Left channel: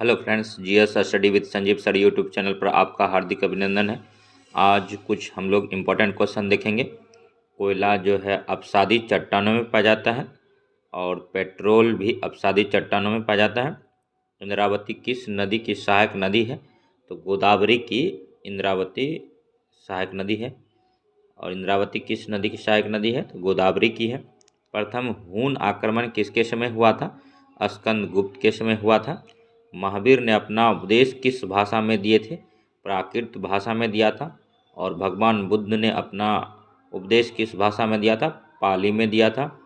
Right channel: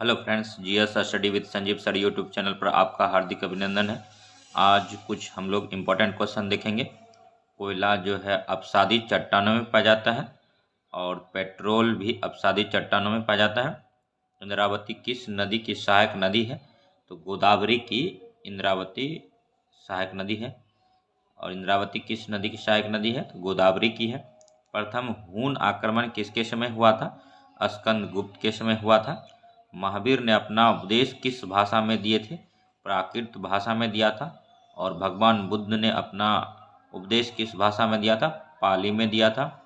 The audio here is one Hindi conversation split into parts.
Hello friends, GS study with Sanjeev sir YouTube channel पर आपका हार्दिक अभिनंदन है। आज कुछ हम लोग इम्पोर्टेंट क्वेश्चन देखेंगे। कोयला जो है अपसादी चट्टानों में पाया जाता है और पेट्रोल भी अपसादी चट्टानों में पाया जाता है। इंद्रावती किस नदी की सहायक नदी है? तो गोदावरी की इंद्रावती सहायक नदी है। और इंद्रावती किस नदी की सहायक नदी है? तो गोदावरी की है। प्रथम हूण आक्रमण किसके समय हुआ था? स्कंदगुप्त के समय हुआ था। महावीर ने अपना उपदेश किस भाषा में दिए थे? प्राकृत भाषा में दिया था। और भगवान बुद्ध ने अपना उपदेश किस भाषा में दिया था? पाली में दिया था।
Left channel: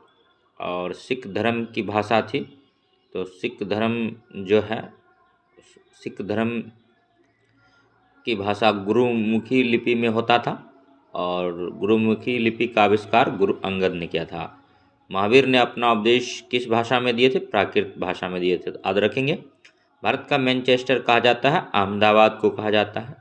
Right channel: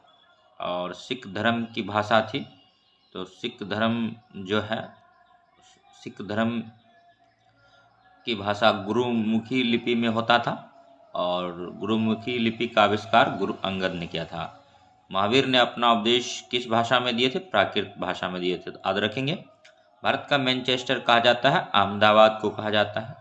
और सिख धर्म की भाषा थी, तो सिख धर्म की भाषा गुरुमुखी लिपि में होता था और गुरुमुखी लिपि का आविष्कार गुरु अंगद ने किया था। महावीर ने अपना उपदेश किस भाषा में दिए थे? प्राकृत भाषा में दिए थे। तो याद रखेंगे। भारत का मैनचेस्टर कहा जाता है, अहमदाबाद को कहा जाता है।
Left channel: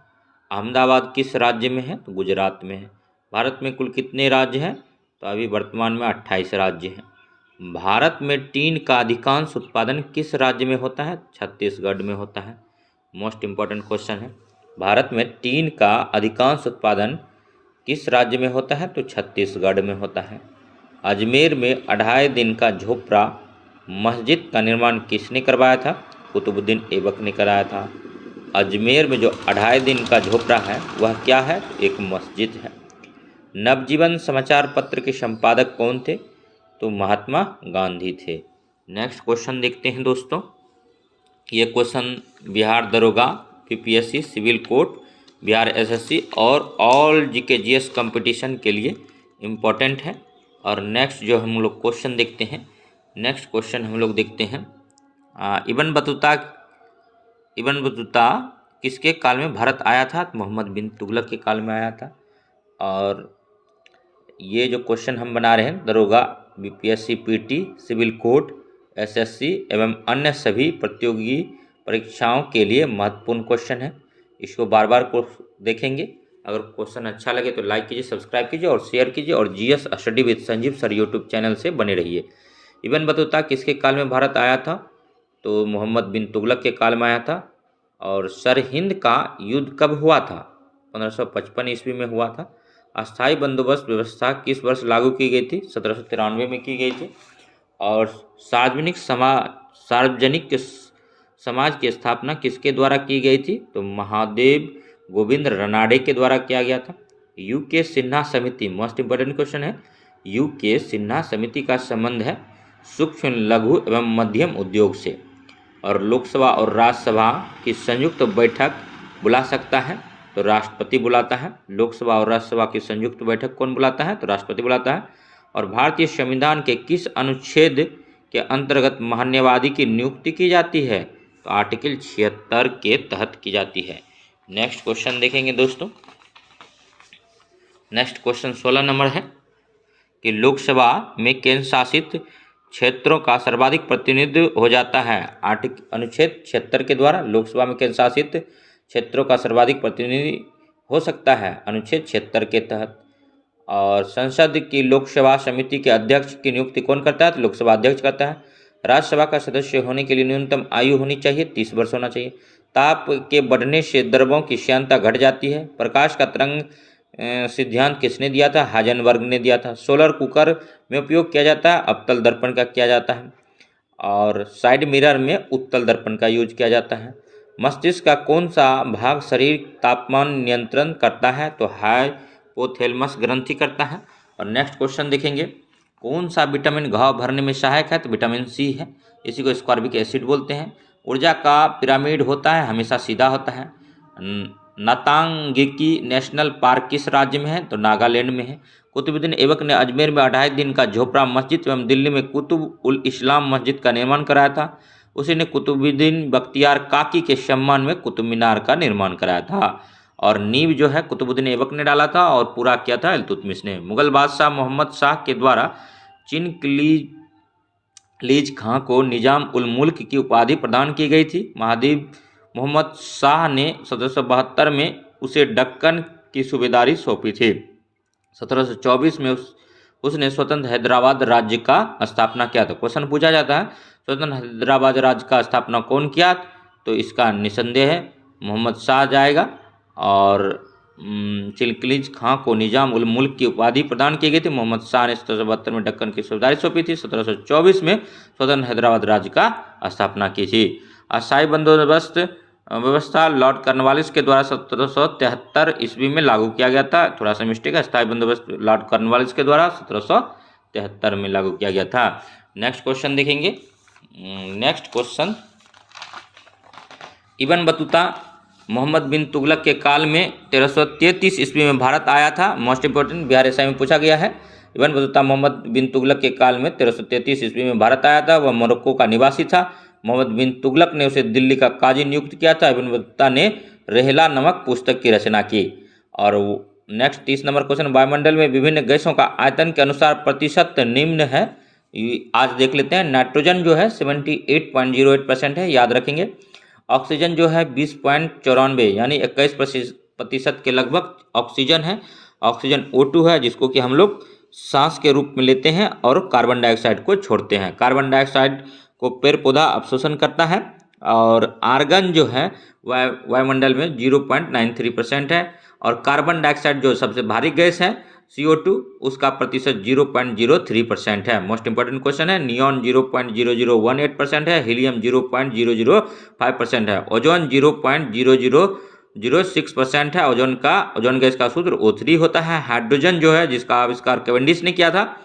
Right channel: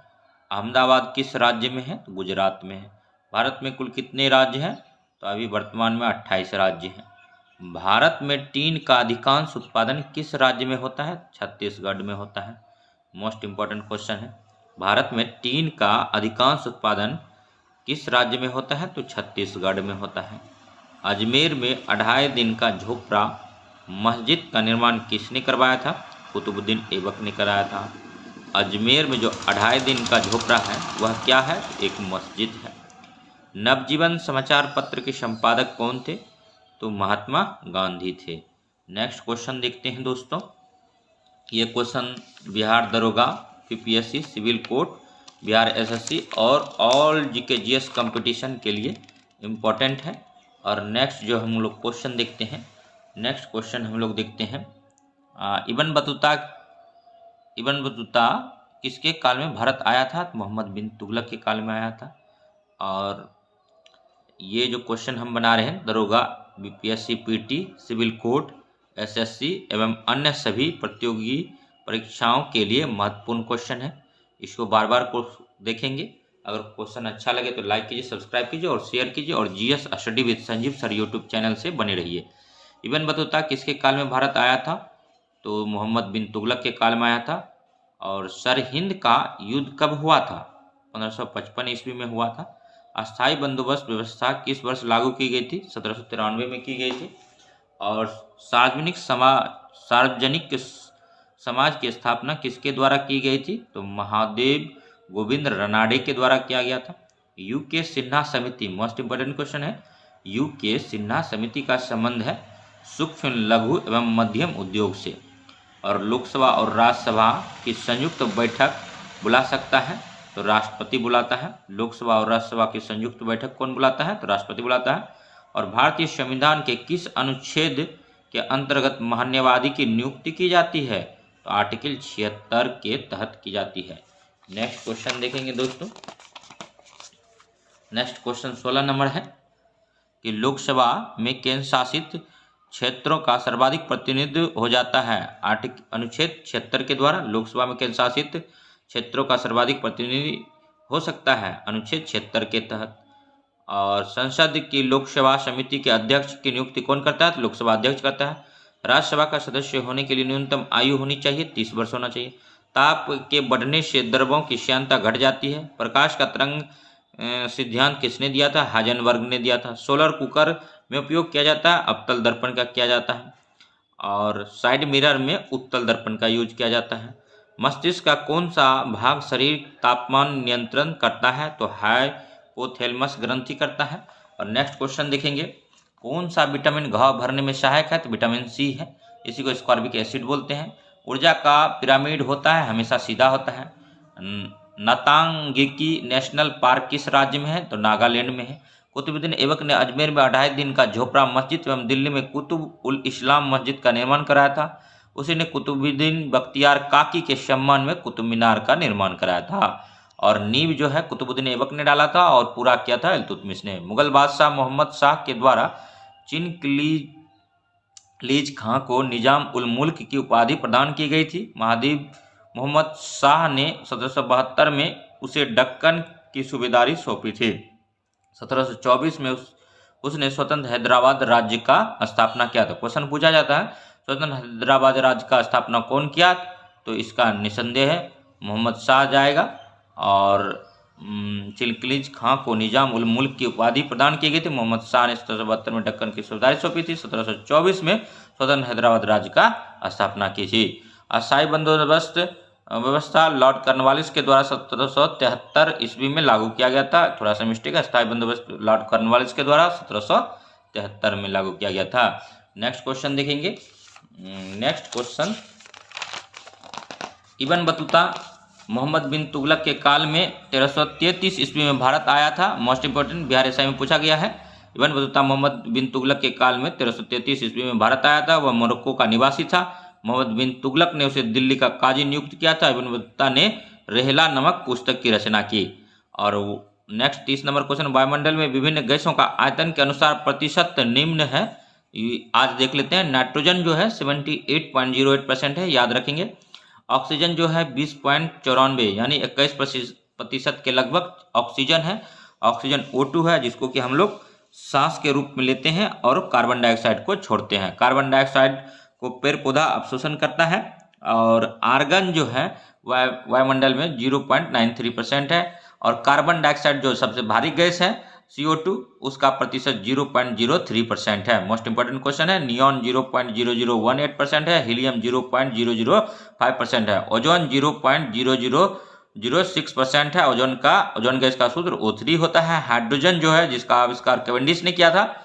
अहमदाबाद किस राज्य में है? तो गुजरात में है। भारत में कुल कितने राज्य हैं? तो अभी वर्तमान में 28 राज्य हैं। भारत में टीन का अधिकांश उत्पादन किस राज्य में होता है? छत्तीसगढ़ में होता है। मोस्ट इम्पॉर्टेंट क्वेश्चन है। भारत में टीन का अधिकांश उत्पादन किस राज्य में होता है? तो छत्तीसगढ़ में होता है। अजमेर में 2.5 दिन का झोपड़ा मस्जिद का निर्माण किसने करवाया था? कुतुबुद्दीन ऐबक ने कराया था। अजमेर में जो 2.5 दिन का झोपड़ा है वह क्या है? तो एक मस्जिद है। नवजीवन समाचार पत्र के संपादक कौन थे? तो महात्मा गांधी थे। नेक्स्ट क्वेश्चन देखते हैं दोस्तों। ये क्वेश्चन बिहार दरोगा, PPSC, civil court, Bihar SSC और ऑल जीके जीएस कंपटीशन के लिए इम्पोर्टेंट है। और नेक्स्ट जो हम लोग क्वेश्चन देखते हैं, नेक्स्ट क्वेश्चन हम लोग देखते हैं इब्न बतूता किसके काल में भारत आया था? तो मोहम्मद बिन तुगलक के काल में आया था। और ये जो क्वेश्चन हम बना रहे हैं दरोगा, BPSC, PT, civil court, SSC एवं अन्य सभी प्रतियोगी परीक्षाओं के लिए महत्वपूर्ण क्वेश्चन है। इसको बार बार को देखेंगे। अगर क्वेश्चन अच्छा लगे तो लाइक कीजिए, सब्सक्राइब कीजिए और शेयर कीजिए और GS study with Sanjeev sir YouTube channel से बने रहिए। इब्न बतूता किसके काल में भारत आया था? तो मोहम्मद बिन तुगलक के काल में आया था। और सरहिंद का युद्ध कब हुआ था? 1555 ईस्वी में हुआ था। अस्थाई बंदोबस्त व्यवस्था किस वर्ष लागू की गई थी? 1793 में की गई थी। और सार्वजनिक समाज की स्थापना किसके द्वारा की गई थी? तो महादेव गोविंद रनाडे के द्वारा किया गया था। यूके सिन्हा समिति, मोस्ट इंपोर्टेंट क्वेश्चन है। यूके सिन्हा समिति का संबंध है सूक्ष्म, लघु एवं मध्यम उद्योग से। और लोकसभा और राज्यसभा की संयुक्त बैठक बुला सकता है? तो राष्ट्रपति बुलाता है। लोकसभा और राज्यसभा की संयुक्त बैठक कौन बुलाता है? तो राष्ट्रपति बुलाता है। और भारतीय संविधान के किस अनुच्छेद के अंतर्गत महान्यायवादी की नियुक्ति की जाती है? तो आर्टिकल 76 के तहत की जाती है। नेक्स्ट क्वेश्चन देखेंगे दोस्तों। नेक्स्ट क्वेश्चन 16 नंबर है कि लोकसभा में केंद्र शासित क्षेत्रों का सर्वाधिक प्रतिनिधित्व हो जाता है। अनुच्छेद 76 के द्वारा लोकसभा में केंद्र शासित क्षेत्रों का सर्वाधिक प्रतिनिधि हो सकता है अनुच्छेद 76 के तहत। और संसद की लोकसभा समिति के अध्यक्ष की नियुक्ति कौन करता है? तो लोकसभा अध्यक्ष करता है। राज्यसभा का सदस्य होने के लिए न्यूनतम आयु होनी चाहिए 30 वर्ष होना चाहिए। ताप के बढ़ने से द्रव्यों की श्यानता घट जाती है। प्रकाश का तरंग सिद्धांत किसने दिया था? हाइजेनबर्ग ने दिया था। सोलर कुकर में उपयोग किया जाता है, अवतल दर्पण का किया जाता है। और साइड मिरर में उत्तल दर्पण का यूज किया जाता है। मस्तिष्क का कौन सा भाग शरीर तापमान नियंत्रण करता है? तो हाइपोथैलेमस ग्रंथि करता है। और नेक्स्ट क्वेश्चन देखेंगे, कौन सा विटामिन घाव भरने में सहायक है? तो विटामिन सी है। इसी को स्कॉर्बिक एसिड बोलते हैं। ऊर्जा का पिरामिड होता है, हमेशा सीधा होता है। नतांगिकी नेशनल पार्क किस राज्य में है? तो नागालैंड में है। कुतुबुद्दीन ऐबक ने अजमेर में 2.5 दिन का झोपड़ा मस्जिद एवं दिल्ली में कुतुब उल इस्लाम मस्जिद का निर्माण कराया था। उसी ने कुतुबुद्दीन बख्तियार काकी के सम्मान में कुतुब मीनार का निर्माण कराया था। और नींव जो है कुतुबुद्दीन ऐबक ने डाला था और पूरा किया था इल्तुतमिश ने। मुगल बादशाह मोहम्मद शाह के द्वारा चिनकलीज खां को निजाम उल मुल्क की उपाधि प्रदान की गई थी। महादेव मोहम्मद शाह ने 1772 में उसे दक्कन की सूबेदारी सौंपी थी। 1724 में उसने स्वतंत्र हैदराबाद राज्य का स्थापना किया था। क्वेश्चन पूछा जाता है स्वतंत्र हैदराबाद राज्य का स्थापना कौन किया? तो इसका निसंदेह है मोहम्मद शाह जाएगा। और चिलखलीज खां को निजाम उल मुल्क की उपाधि प्रदान की गई थी। मोहम्मद शाह ने 1772 में दक्कन की सूबेदारी सौंपी थी। 1724 में स्वतंत्र हैदराबाद राज्य का स्थापना की थी। अस्थायी बंदोबस्त व्यवस्था लॉर्ड कॉर्नवालिस के द्वारा 1773 ईस्वी में लागू किया गया था। थोड़ा सा मिस्टेक है, अस्थायी बंदोबस्त लॉर्ड कॉर्नवालिस के द्वारा 1773 में लागू किया गया था। नेक्स्ट क्वेश्चन देखेंगे। Next question, Ibn Battuta Muhammad bin Tughlaq के काल में 1333 ईस्वी में भारत आया था। मोस्ट इंपोर्टेंट, बिहार एसआई में पूछा गया है। इब्न बतूता मोहम्मद बिन तुगलक के काल में 1333 ईस्वी में भारत आया था। वह मोरक्को का निवासी था। मोहम्मद बिन तुगलक ने उसे दिल्ली का काजी नियुक्त किया था। इब्न बतूता ने रेहला नामक पुस्तक की रचना की। और नेक्स्ट 30 नंबर क्वेश्चन, वायुमंडल में विभिन्न गैसों का आयतन के अनुसार प्रतिशत निम्न है। आज देख लेते हैं। नाइट्रोजन जो है 78.08% है, याद रखेंगे। ऑक्सीजन जो है 20.94 यानी 21% के लगभग ऑक्सीजन है। ऑक्सीजन O2 है, जिसको कि हम लोग सांस के रूप में लेते हैं और कार्बन डाइऑक्साइड को छोड़ते हैं। कार्बन डाइऑक्साइड को पेड़ पौधा अवशोषण करता है। और आर्गन जो है वायुमंडल में 0.93% है। और कार्बन डाइऑक्साइड जो सबसे भारी गैस है CO2, उसका प्रतिशत 0.03% है। मोस्ट इंपोर्टेंट क्वेश्चन है। नियॉन 0.0018% है। हीलियम 0.005% है। ओजोन 0.0006% है। ओजोन गैस का सूत्र O3 होता है। हाइड्रोजन जो है, जिसका आविष्कार कैवेंडिश ने किया था,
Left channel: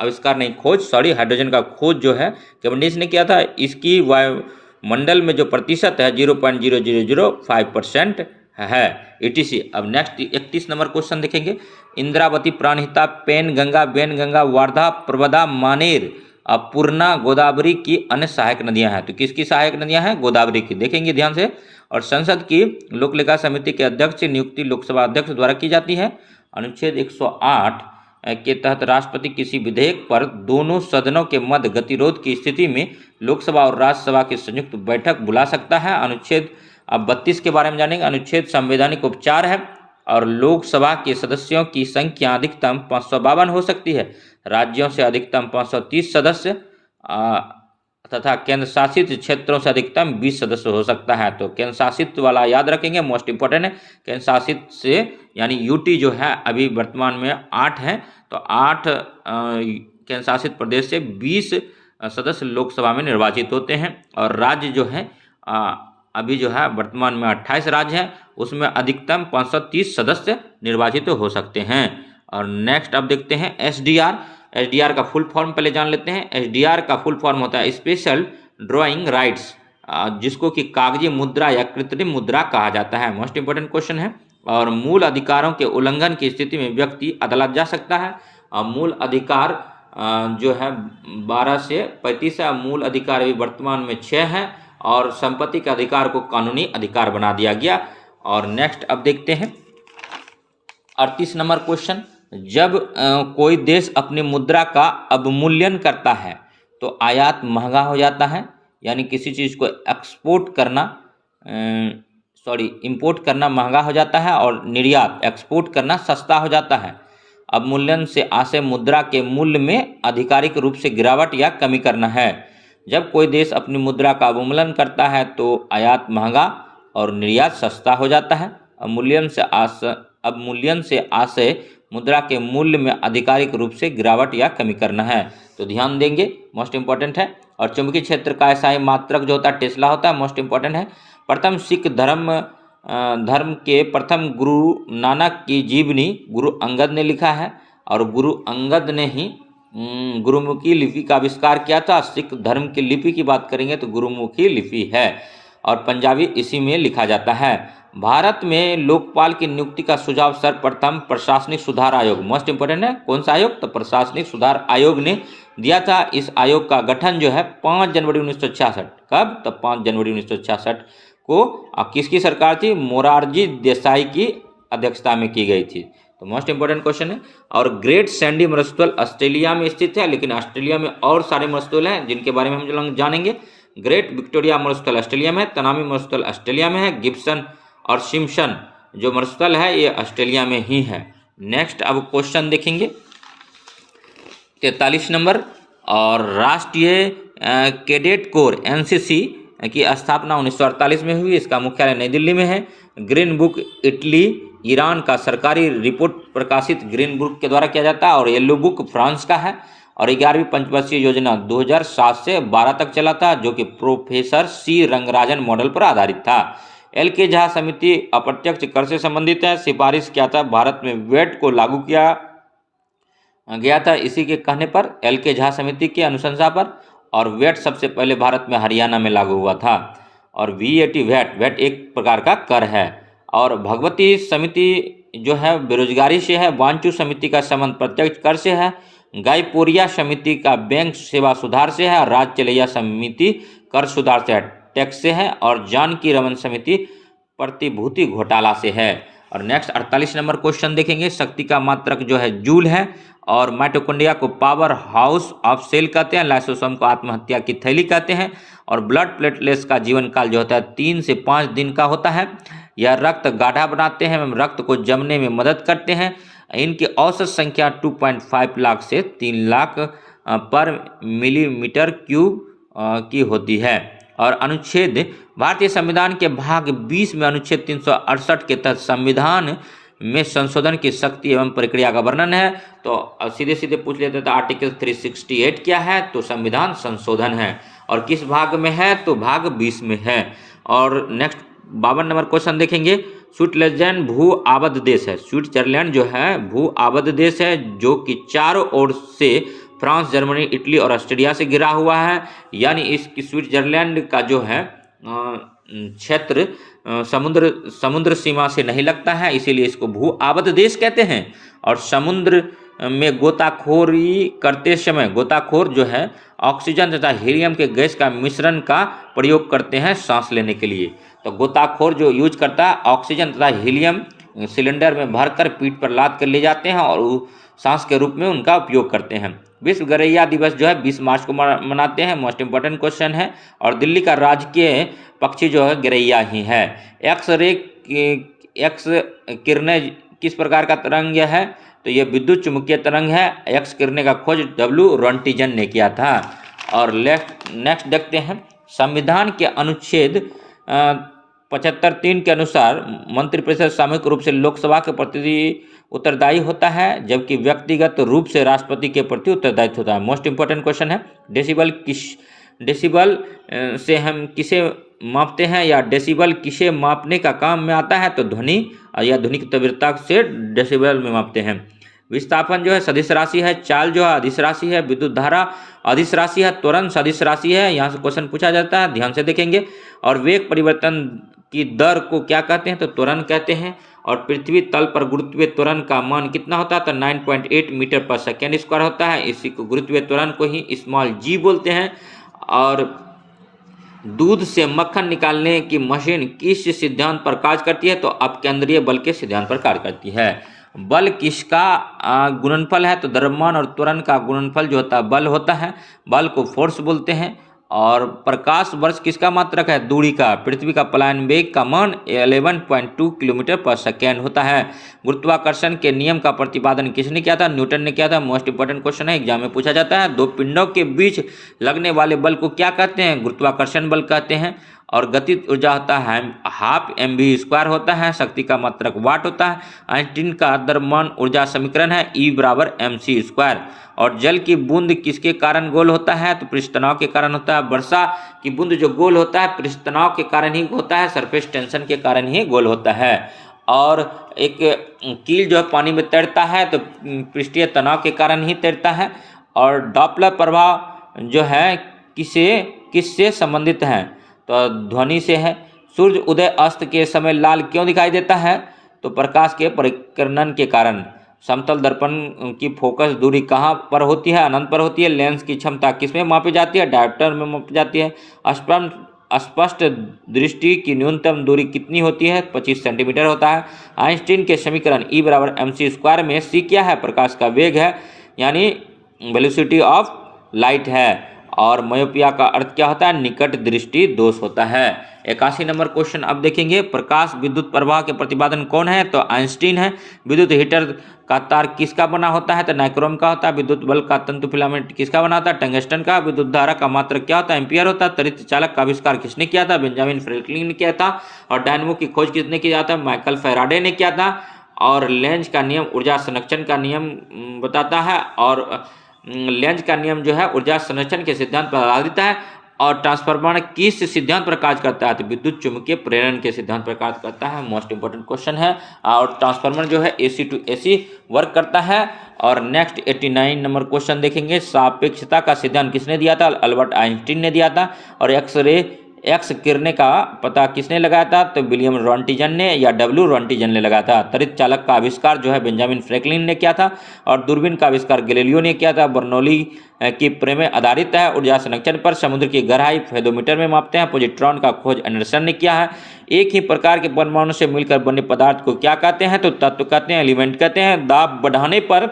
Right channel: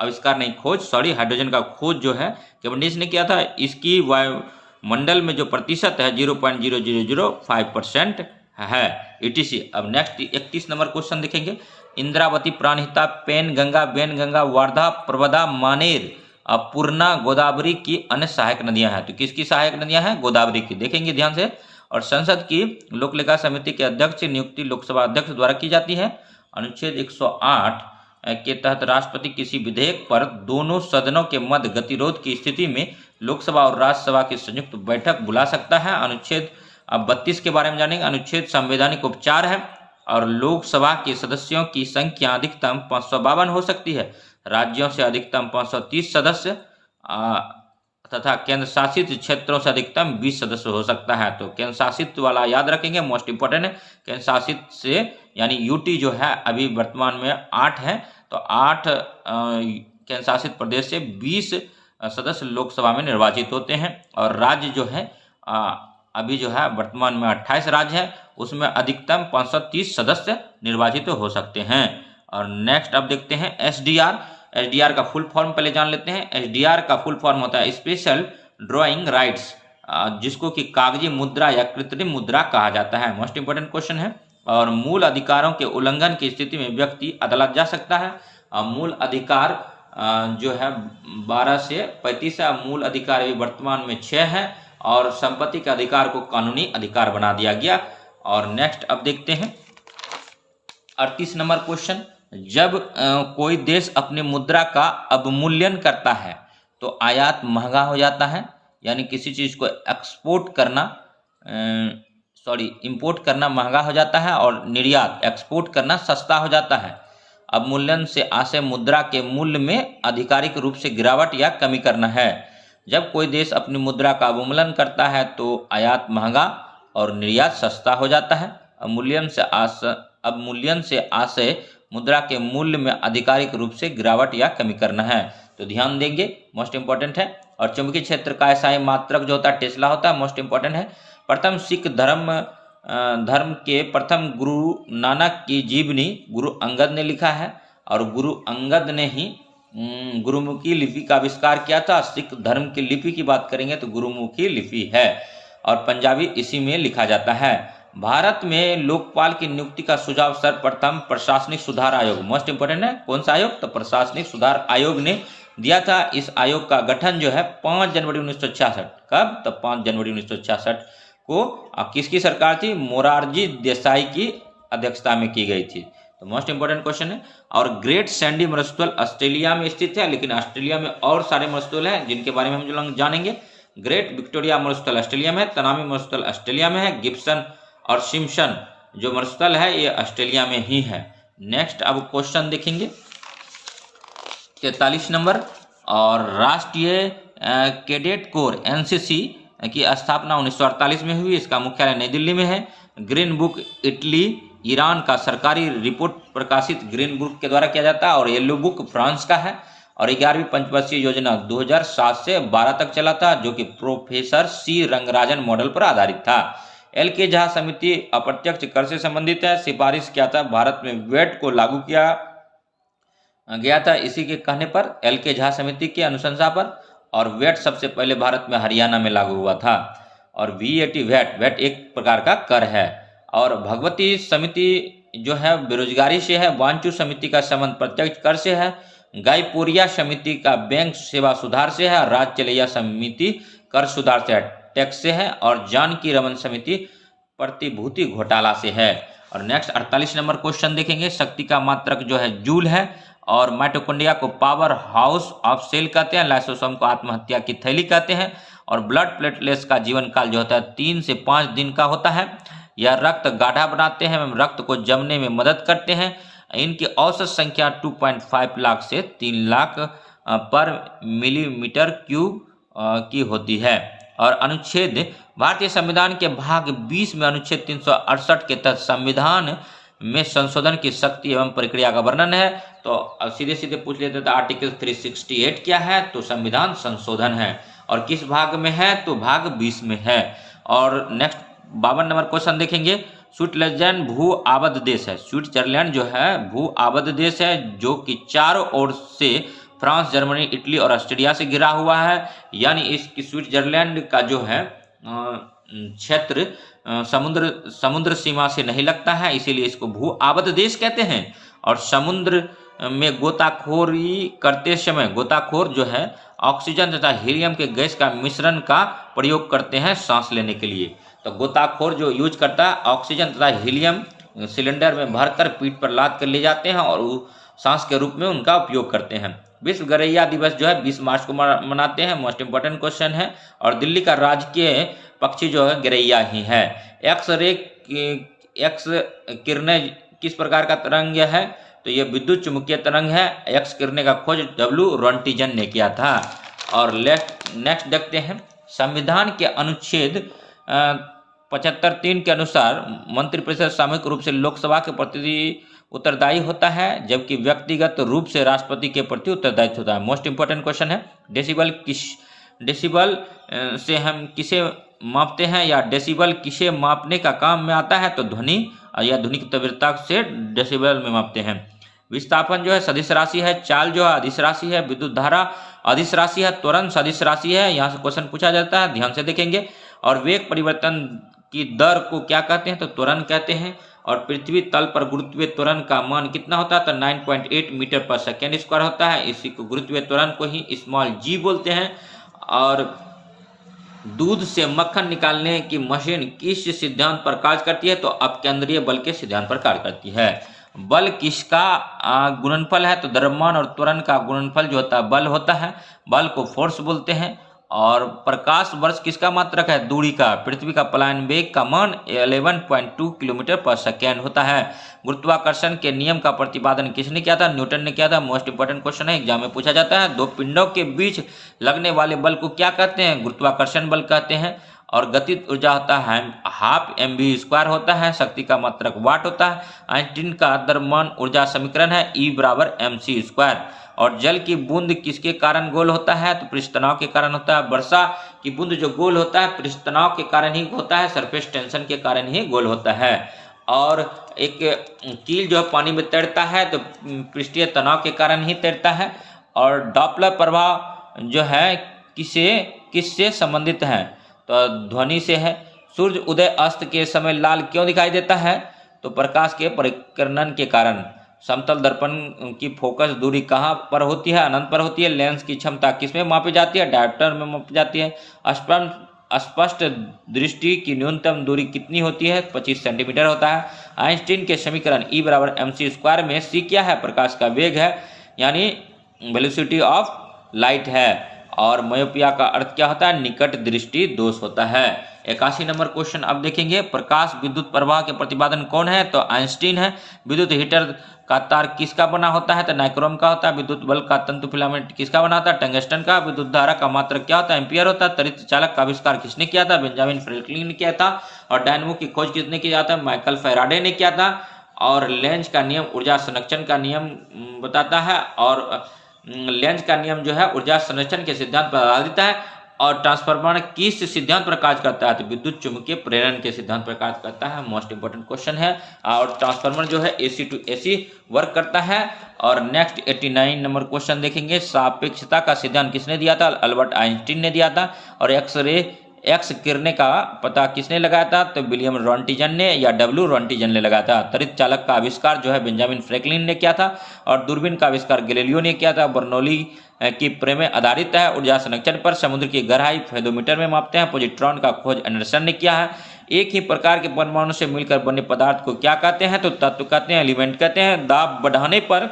आविष्कार नहीं, खोज, सॉरी, हाइड्रोजन का खोज जो है कैवेंडिश ने किया था। इसकी वायुमंडल में जो प्रतिशत है 0.0005% है। ETC। अब नेक्स्ट 31 नंबर क्वेश्चन देखेंगे। इंद्रावती, प्राणहिता, पेन गंगा, बेन गंगा, वार्धा, प्रवदा, मानेर, पूर्णा, गोदावरी की अन्य सहायक नदियां हैं। तो किसकी सहायक नदियां हैं? गोदावरी की। देखेंगे ध्यान से। और संसद की लोक लेखा समिति के अध्यक्ष की नियुक्ति लोकसभा अध्यक्ष द्वारा की जाती है। अनुच्छेद 108 के तहत राष्ट्रपति किसी विधेयक पर दोनों सदनों के मध्य गतिरोध की स्थिति में लोकसभा और राज्यसभा की संयुक्त बैठक बुला सकता है। अनुच्छेद 32 के बारे में जानेंगे। अनुच्छेद संवैधानिक उपचार है। और लोकसभा के सदस्यों की संख्या अधिकतम 552 हो सकती है। राज्यों से अधिकतम 530 सदस्य तथा केंद्र शासित क्षेत्रों से अधिकतम 20 सदस्य हो सकता है। तो केंद्र शासित वाला याद रखेंगे, मोस्ट इंपोर्टेंट है। केंद्र शासित से यानी यूटी जो है अभी वर्तमान में 8 है। तो 8 केंद्र शासित प्रदेश से 20 सदस्य लोकसभा में निर्वाचित होते हैं। और राज्य जो है अभी जो है वर्तमान में 28 राज्य हैं, उसमें अधिकतम 530 सदस्य निर्वाचित हो सकते हैं। और नेक्स्ट अब देखते हैं SDR। SDR का फुल फॉर्म पहले जान लेते हैं। SDR का फुल फॉर्म होता है स्पेशल ड्राइंग राइट्स, जिसको कि कागजी मुद्रा या कृत्रिम मुद्रा कहा जाता है। मोस्ट इंपोर्टेंट क्वेश्चन है। और मूल अधिकारों के उल्लंघन की स्थिति में व्यक्ति अदालत जा सकता है। मूल अधिकार जो है 12 से 35 है। मूल अधिकार अभी वर्तमान में 6 है। और संपत्ति के अधिकार को कानूनी अधिकार बना दिया गया। और नेक्स्ट अब देखते हैं 38 नंबर क्वेश्चन। जब कोई देश अपनी मुद्रा का अवमूल्यन करता है तो आयात महंगा हो जाता है। यानी किसी चीज़ को इंपोर्ट करना महंगा हो जाता है और निर्यात एक्सपोर्ट करना सस्ता हो जाता है। अवमूल्यन से आशय मुद्रा के मूल्य में आधिकारिक रूप से गिरावट या कमी करना है। जब कोई देश अपनी मुद्रा का अवमूल्यन करता है तो आयात महंगा और निर्यात सस्ता हो जाता है। अवमूल्यन से आशय मुद्रा के मूल्य में आधिकारिक रूप से गिरावट या कमी करना है। तो ध्यान देंगे, मोस्ट इंपॉर्टेंट है। और चुंबकीय क्षेत्र का एसआई मात्रक जो होता है टेस्ला होता है, मोस्ट इंपॉर्टेंट है। प्रथम सिख धर्म के प्रथम गुरु नानक की जीवनी गुरु अंगद ने लिखा है। और गुरु अंगद ने ही गुरुमुखी लिपि का आविष्कार किया था। सिख धर्म की लिपि की बात करेंगे तो गुरुमुखी लिपि है। और पंजाबी इसी में लिखा जाता है। भारत में लोकपाल की नियुक्ति का सुझाव सर्वप्रथम प्रशासनिक सुधार आयोग, मोस्ट इंपोर्टेंट है, कौन सा आयोग? तो प्रशासनिक सुधार आयोग ने दिया था। इस आयोग का गठन जो है 5 जनवरी 1966, कब? तो 5 जनवरी 1966 को किसकी सरकार थी? मोरारजी देसाई की अध्यक्षता में की गई थी। तो मोस्ट इंपोर्टेंट क्वेश्चन है। और ग्रेट सैंडी मरुस्थल ऑस्ट्रेलिया में स्थित है, लेकिन ऑस्ट्रेलिया में और सारे मरुस्थल हैं जिनके बारे में हम जानेंगे। ग्रेट विक्टोरिया मरुस्थल ऑस्ट्रेलिया में है। तनामी मरुस्थल ऑस्ट्रेलिया में है। गिब्सन और सिम्पसन जो मरुस्थल है ये ऑस्ट्रेलिया में ही है। नेक्स्ट अब क्वेश्चन देखेंगे 43 नंबर। और राष्ट्रीय कैडेट कोर NCC की स्थापना 1948 में हुई। इसका मुख्यालय नई दिल्ली में है। ग्रीन बुक इटली ईरान का सरकारी रिपोर्ट प्रकाशित ग्रीन बुक के द्वारा किया जाता है, और येलो बुक फ्रांस का है। और 11वीं पंचवर्षीय योजना 2007 से 12 तक चला था, जो कि प्रोफेसर सी रंगराजन मॉडल पर आधारित था। एल के झा समिति अप्रत्यक्ष कर से संबंधित है। सिफारिश किया था भारत में वैट को लागू किया गया था इसी के कहने पर, एल के झा समिति के अनुशंसा पर। और वैट सबसे पहले भारत में हरियाणा में लागू हुआ था। और वीएटी वैट एक प्रकार का कर है। और भगवती समिति जो है बेरोजगारी से है। वांचू समिति का संबंध प्रत्यक्ष कर से है। गायपोरिया समिति का बैंक सेवा सुधार से है। राज चलैया समिति कर सुधार से है, टैक्स से है। और जानकी रमन समिति प्रतिभूति घोटाला से है। और नेक्स्ट 48 नंबर क्वेश्चन देखेंगे। शक्ति का मात्रक जो है जूल है। और माइटोकॉन्ड्रिया को पावर हाउस ऑफ सेल कहते हैं। लाइसोसोम को आत्महत्या की थैली कहते हैं। और ब्लड प्लेटलेट्स का जीवन काल जो होता है 3 से 5 दिन का होता है। यह रक्त गाढ़ा बनाते हैं एवं रक्त को जमने में मदद करते हैं। इनकी औसत संख्या 2.5 लाख से 3 लाख पर मिलीमीटर क्यूब की होती है। और अनुच्छेद भारतीय संविधान के भाग 20 में अनुच्छेद 368 के तहत संविधान में संशोधन की शक्ति एवं प्रक्रिया का वर्णन है। तो सीधे सीधे पूछ लेते थे आर्टिकल 368 क्या है, तो संविधान संशोधन है। और किस भाग में है, तो भाग 20 में है। और नेक्स्ट 52 नंबर क्वेश्चन देखेंगे। स्विट्जरलैंड भू आबद्ध देश है। स्विट्जरलैंड जो है भू आबद्ध देश है, जो कि चारों ओर से फ्रांस, जर्मनी, इटली और ऑस्ट्रेलिया से घिरा हुआ है। यानी इस स्विट्जरलैंड का जो है क्षेत्र समुद्र सीमा से नहीं लगता है, इसीलिए इसको भू आबद्ध देश कहते हैं। और समुद्र में गोताखोरी करते समय गोताखोर जो है ऑक्सीजन तथा हीलियम के गैस का मिश्रण का प्रयोग करते हैं सांस लेने के लिए। तो गोताखोर जो यूज करता है ऑक्सीजन तथा हीलियम सिलेंडर में भरकर पीठ पर लाद कर ले जाते हैं और सांस के रूप में उनका उपयोग करते हैं। विश्व गौरैया दिवस जो है 20 मार्च को मनाते हैं। मोस्ट इंपॉर्टेंट क्वेश्चन है। और दिल्ली का राजकीय पक्षी जो है गौरैया ही है। एक्स किरणें किस प्रकार का तरंग है, तो ये विद्युत चुम्बकीय तरंग है। एक्स किरणें का खोज डब्ल्यू रॉन्टिजन ने किया था। और नेक्स्ट देखते हैं। संविधान के अनुच्छेद 75(3) के अनुसार मंत्रिपरिषद सामूहिक रूप से लोकसभा के प्रति उत्तरदायी होता है, जबकि व्यक्तिगत रूप से राष्ट्रपति के प्रति उत्तरदायित्व होता है। मोस्ट इंपॉर्टेंट क्वेश्चन है। डेसिबल से हम किसे मापते हैं, या डेसिबल किसे मापने का काम में आता है, तो ध्वनि या ध्वनि की तीव्रता से डेसिबल में मापते हैं। विस्थापन जो है सदिश राशि है। चाल जो है अदिश राशि है। विद्युत धारा अदिश राशि है। त्वरण सदिश राशि है। यहाँ से क्वेश्चन पूछा जाता है, ध्यान से देखेंगे। और वेग परिवर्तन की दर को क्या कहते हैं, तो त्वरण कहते हैं। और पृथ्वी तल पर गुरुत्वीय त्वरण का मान कितना होता है, तो 9.8 मीटर पर सेकेंड स्क्वायर होता है। इसी को गुरुत्वीय त्वरण को ही स्मॉल जी बोलते हैं। और दूध से मक्खन निकालने की मशीन किस सिद्धांत पर कार्य करती है, तो अपकेंद्रीय बल के सिद्धांत पर कार्य करती है। बल किसका गुणनफल है, तो द्रव्यमान और त्वरण का गुणनफल जो होता है बल होता है। बल को फोर्स बोलते हैं। और प्रकाश वर्ष किसका मात्रक है, दूरी का। पृथ्वी का पलायन वेग का मान 11.2 किलोमीटर पर सेकेंड होता है। गुरुत्वाकर्षण के नियम का प्रतिपादन किसने किया था, न्यूटन ने किया था। मोस्ट इंपॉर्टेंट क्वेश्चन है, एग्जाम में पूछा जाता है। दो पिंडों के बीच लगने वाले बल को क्या कहते हैं, गुरुत्वाकर्षण बल कहते हैं। और गतिज ऊर्जा होता है 12 mv² होता है। शक्ति का मात्रक वाट होता है। आइंस्टीन का द्रव्यमान ऊर्जा समीकरण है E = mc²। और जल की बूंद किसके कारण गोल होता है, तो पृष्ठ तनाव के कारण होता है। वर्षा की बूंद जो गोल होता है पृष्ठ तनाव के कारण ही होता है, सरफेस टेंशन के कारण ही गोल होता है। और एक कील जो है पानी में तैरता है तो पृष्ठीय तनाव के कारण ही तैरता है। और डॉपलर प्रभाव जो है किससे संबंधित है, तो ध्वनि से है। सूर्य उदय अस्त के समय लाल क्यों दिखाई देता है, तो प्रकाश के परिकर्णन के कारण। समतल दर्पण की फोकस दूरी कहाँ पर होती है, अनंत पर होती है। लेंस की क्षमता किसमें मापी जाती है, डायोप्टर में मापी जाती है। स्पष्ट दृष्टि की न्यूनतम दूरी कितनी होती है, 25 सेंटीमीटर होता है। आइंस्टीन के समीकरण E = mc² में c क्या है, प्रकाश का वेग है, यानी वेलोसिटी ऑफ लाइट है। और मायोपिया का अर्थ क्या होता है, निकट दृष्टि दोष होता है। 81 नंबर क्वेश्चन अब देखेंगे। प्रकाश विद्युत प्रवाह के प्रतिपादन कौन है, तो आइंस्टीन है। विद्युत हीटर का तार किसका बना होता है? तो नाइक्रोम का होता है। विद्युत बल्ब का तंतु फिलामेंट किसका बना होता है? टंगस्टन का। विद्युत धारा का मात्रक क्या होता है? एम्पियर होता है। त्वरित चालक का आविष्कार किसने किया था? बेंजामिन फ्रैंकलिन ने किया था। और डायनमो की खोज किसने किया था? माइकल फैराडे ने किया था। और लेंज का नियम ऊर्जा संरक्षण का नियम बताता है, और लेंज का नियम जो है ऊर्जा संरक्षण के सिद्धांत पर आधारित है। और ट्रांसफार्मर किस सिद्धांत पर कार्य करता है? तो विद्युत चुम्बकीय प्रेरण के सिद्धांत पर कार्य करता है। मोस्ट इंपोर्टेंट क्वेश्चन है। और ट्रांसफार्मर जो है AC टू AC वर्क करता है। और नेक्स्ट 89 नंबर क्वेश्चन देखेंगे। सापेक्षता का सिद्धांत किसने दिया था? अल्बर्ट आइंस्टीन ने दिया था। और एक्स किरणें का पता किसने लगाया था? तो विलियम रॉन्टिजन ने या W रॉन्टिजन ने लगाया था। त्वरित चालक का आविष्कार जो है बेंजामिन फ्रैंकलिन ने किया था। और दूरबीन का आविष्कार गैलीलियो ने किया था। बर्नौली की प्रमेय आधारित है ऊर्जा संरक्षण पर। समुद्र की गहराई फेदोमीटर में मापते हैं। पॉजिट्रॉन का खोज एंडरसन ने किया है। एक ही प्रकार के परमाणु से मिलकर बने पदार्थ को क्या कहते हैं? तो तत्व कहते हैं, एलिमेंट कहते हैं। दाब बढ़ाने पर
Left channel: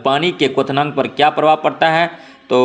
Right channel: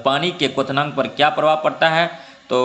पानी के क्वथनांक पर क्या प्रभाव पड़ता है? तो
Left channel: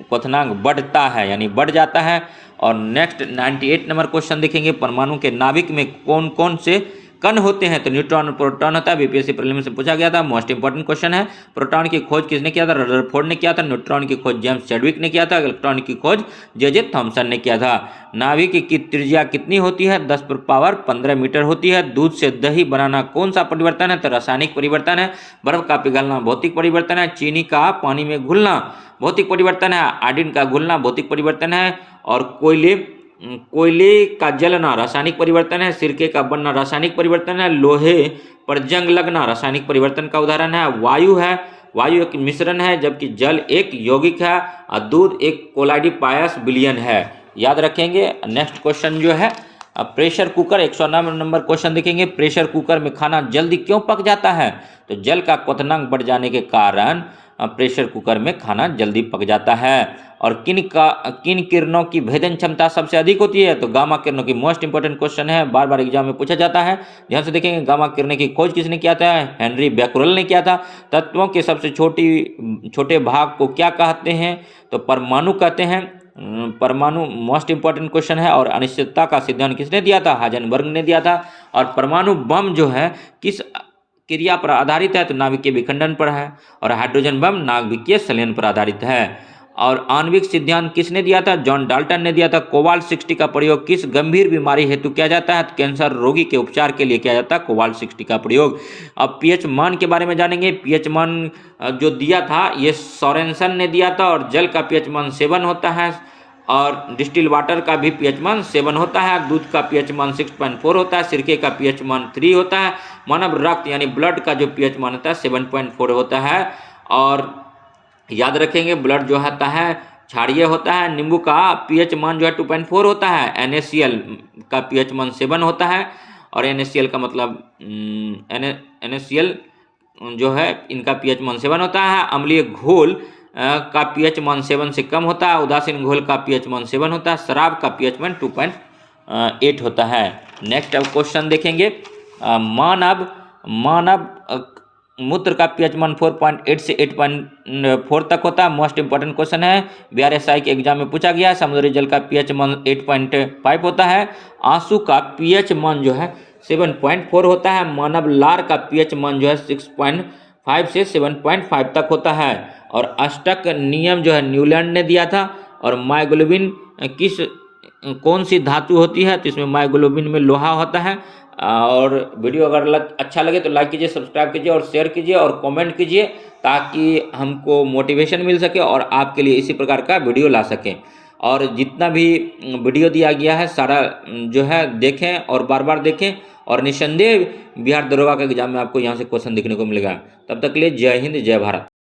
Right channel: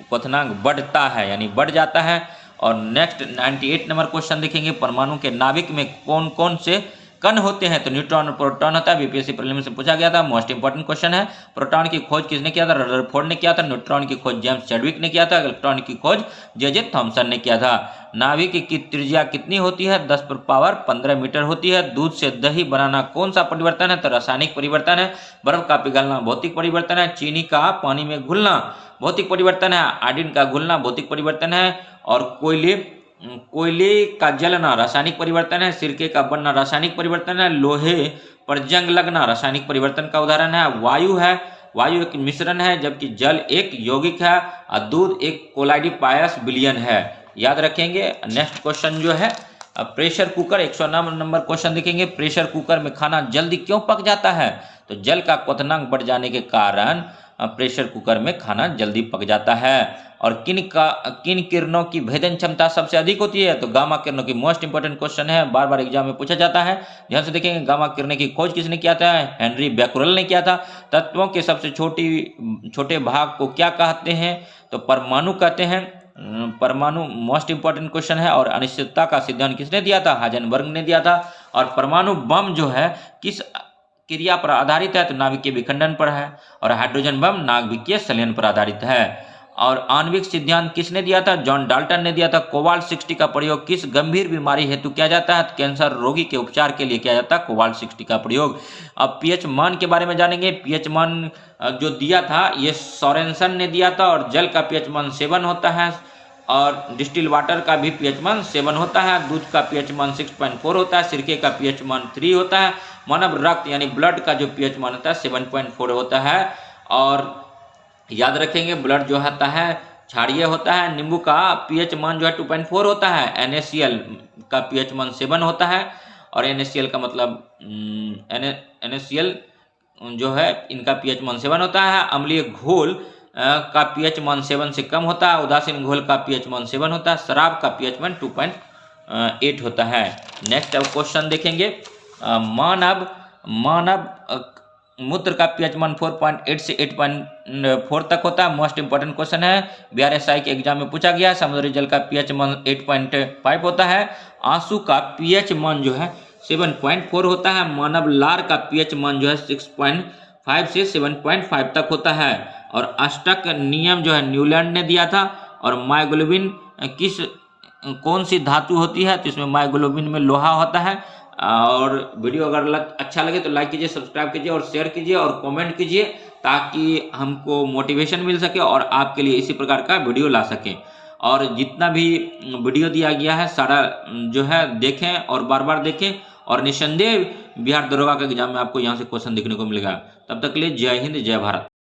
क्वथनांक बढ़ता है, यानी बढ़ जाता है। और नेक्स्ट 98 नंबर क्वेश्चन देखेंगे। परमाणु के नाभिक में कौन कौन से कण होते हैं? तो न्यूट्रॉन और प्रोटॉन होता है। बीपीएससी प्रीलिम्स से पूछा गया था। मोस्ट इंपोर्टेंट क्वेश्चन है। प्रोटॉन की खोज किसने किया था? रदरफोर्ड ने किया था। न्यूट्रॉन की खोज जेम्स चैडविक ने किया था। इलेक्ट्रॉन की खोज जे थॉमसन ने किया था। नाभिक की त्रिज्या कितनी होती है? 10 पर पावर 15 मीटर होती है। दूध से दही बनाना कौन सा परिवर्तन है? तो रासायनिक परिवर्तन है। बर्फ का पिघलना भौतिक परिवर्तन है। चीनी का पानी में घुलना भौतिक परिवर्तन है। आयोडीन का घुलना भौतिक परिवर्तन है। और कोयले का जलना रासायनिक परिवर्तन है। सिरके का बनना रासायनिक परिवर्तन है। लोहे पर जंग लगना रासायनिक परिवर्तन का उदाहरण है। वायु एक मिश्रण है, जबकि जल एक यौगिक है। और दूध एक कोलाइडिपायस विलयन है। याद रखेंगे। नेक्स्ट क्वेश्चन जो है प्रेशर कुकर 109 नंबर क्वेश्चन देखेंगे। प्रेशर कुकर में खाना जल्दी क्यों पक जाता है? तो जल का क्वथनांक बढ़ जाने के कारण प्रेशर कुकर में खाना जल्दी पक जाता है। और किन किरणों की भेदन क्षमता सबसे अधिक होती है? तो गामा किरणों की। मोस्ट इंपोर्टेंट क्वेश्चन है, बार बार एग्जाम में पूछा जाता है। ध्यान से देखेंगे। गामा किरणें की खोज किसने किया था? हेनरी बैक्यूरेल ने किया था। तत्वों के सबसे छोटे भाग को क्या कहते हैं? तो परमाणु कहते हैं। परमाणु मोस्ट इंपोर्टेंट क्वेश्चन है। और अनिश्चितता का सिद्धांत किसने दिया था? हाइजेनबर्ग ने दिया था। और परमाणु बम जो है किस क्रिया पर आधारित है? तो नाभिकीय विखंडन पर है। और हाइड्रोजन बम नाभिकीय संलयन पर आधारित है। और आणविक सिद्धांत किसने दिया था? जॉन डाल्टन ने दिया था। कोबाल्ट 60 का प्रयोग किस गंभीर बीमारी हेतु किया जाता है? कैंसर रोगी के उपचार के लिए किया जाता है कोबाल्ट 60 का प्रयोग। अब पीएच मान के बारे में जानेंगे। पीएच मान जो दिया था ये सोरेनसन ने दिया था। और जल का पीएच मान 7 होता है। और डिस्टिल वाटर का भी पीएच मान 7 होता है। दूध का पीएच मान 6.4 होता है। सिरके का पीएच मान 3 होता है। मानव रक्त यानी ब्लड का जो पीएच मान होता है 7.4 होता है। और याद रखेंगे ब्लड जो होता है क्षारीय होता है। नींबू का पीएच मान जो है 2.4 होता है। NaCl का पीएच मान 7 होता है। और NaCl का मतलब NaCl जो है इनका पीएच मान 7 होता है। अम्लीय घोल का पीएच मान 7 से कम होता है। उदासीन घोल का पीएच मान 7 होता है। शराब का पीएच मान 2.8 होता है। नेक्स्ट अब क्वेश्चन देखेंगे। मानव मूत्र का पीएच मान 4.8 से 8.4 तक होता है। मोस्ट इंपोर्टेंट क्वेश्चन है। BRSI के एग्जाम में पूछा गया है। समुद्री जल का पीएच मान 8.5 होता है। आंसू का पीएच मान जो है 7.4 होता है। मानव लार का पीएच मान जो है 6.5 से 7.5 तक होता है। और अष्टक नियम जो है न्यूलैंड ने दिया था। और मायोग्लोबिन कौन सी धातु होती है? तो इसमें मायोग्लोबिन में लोहा होता है। और वीडियो अगर अच्छा लगे तो लाइक कीजिए, सब्सक्राइब कीजिए और शेयर कीजिए और कमेंट कीजिए, ताकि हमको मोटिवेशन मिल सके और आपके लिए इसी प्रकार का वीडियो ला सकें। और जितना भी वीडियो दिया गया है सारा जो है देखें और बार बार देखें। और निस्संदेह बिहार दरोगा के एग्जाम में आपको यहाँ से क्वेश्चन देखने को मिलेगा। तब तक के लिए जय हिंद, जय भारत।